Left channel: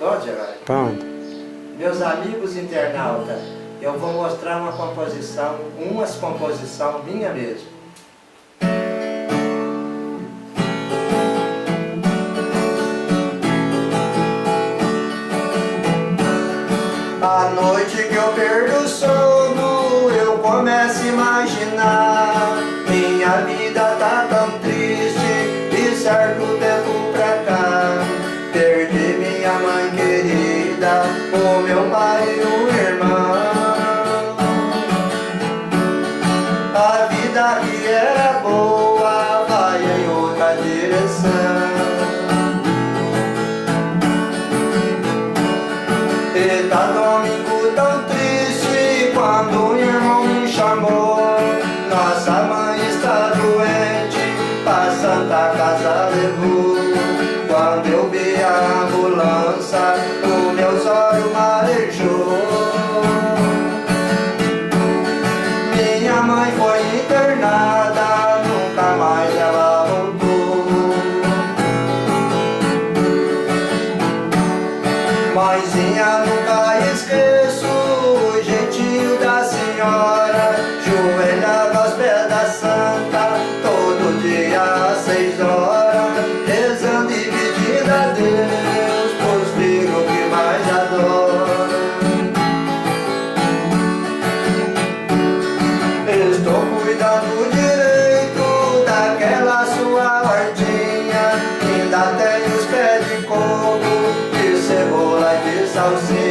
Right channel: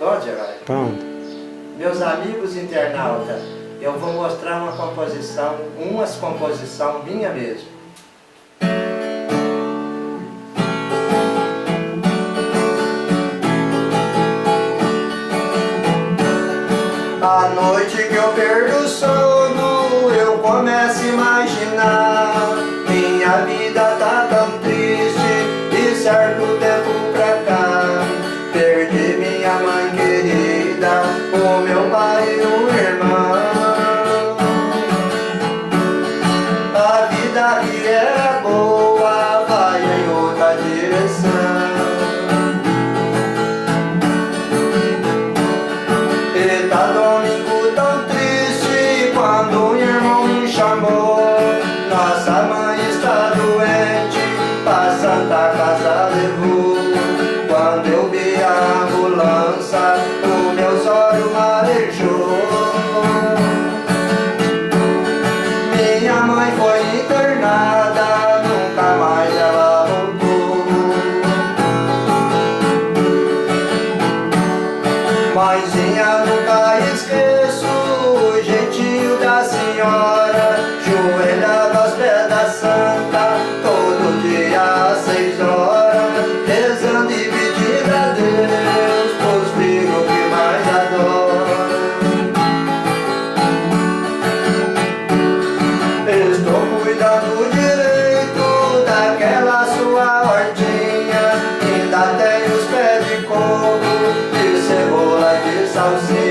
Pode, Geraldo? Pronto. Meus amigos internautas, eu vou mostrar umas composição minha mesmo. A noite que eu perdo o sono, eu começo a imaginar. Minha vida tá tão triste, de certo tempo pra cá. Perdi minha mãe querida, o meu pai e o irmão. A vida que era boa vai em outra direção. E tá domingo tão triste quando o irmão me chamou. Nossa mãe está doente, pra Santa Casa levou. Quando eu vi a ambulância, o meu olhos marejou. Minha mãe foi internada, nunca mais ela voltou. Mãezinha, nunca esqueço o jeitinho da senhora. Joelhava aos pés da santa, todo dia às 6 horas, rezando e pedindo a Deus pros filhos que mais adora. Estou cuidando direito daquela sua hortinha, ainda tem os pés de coco, de cebola, de salsinha.